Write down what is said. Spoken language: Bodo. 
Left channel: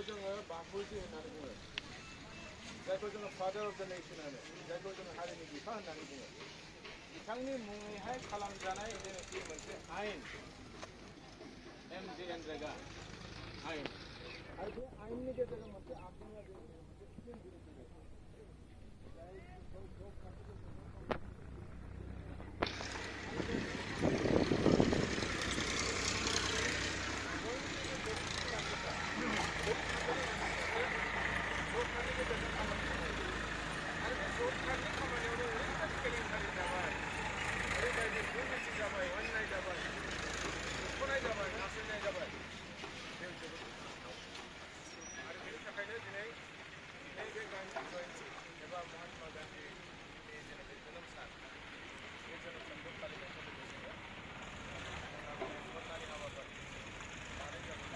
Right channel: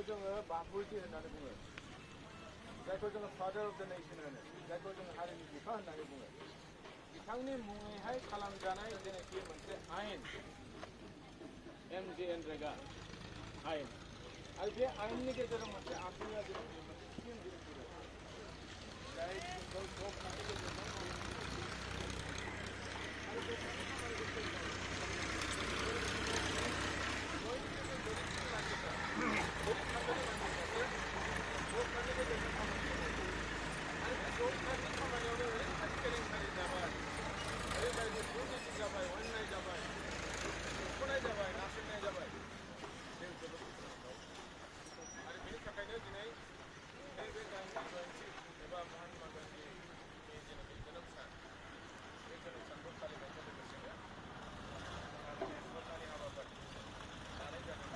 जायखौ जोङो बापुजि होननानै बुङो, जायखौ जोङो फादार अफ द नेशन होनो, जायखौ जोङो हारिनि बिफा होननानै बुङो, बिथांनि मुङैहाय खालामजानाय जेनाखि मोनसे आयेन MJNREGA आयेन, आरो बे आयेननि गेजेराव मोनसे आर्टिकेल जेनाखि मोनसे स्किम दिहुनदों, जाय स्किमखौ जब कार्डनि गेजेरजों गोरिब थाखोनि मानसिफ्रासो जब कार्डनि गेजेरजों खामानिखौ मावो। आरो बे जब कार्डनि खामानियावनो ओरैबायदि केलेंकारि जाबाय, ओरैबायदि दुर्निति जाबाय, अन्याय जाबाय, दुखुनाय जाबाय, नासयनाय जाबाय, बे जोबोद दुखुनांथाव। आरो बेनि थाखायनो दिनै नैबे गान्धी जयन्ती एबा महात्मा गान्धीनि जेनाखि जोनोम सान, बे जोनोम सानखौ फालिनायजों लोगोसेनो जोंहा बे धरनानि हाबाफारि लानाय जादों।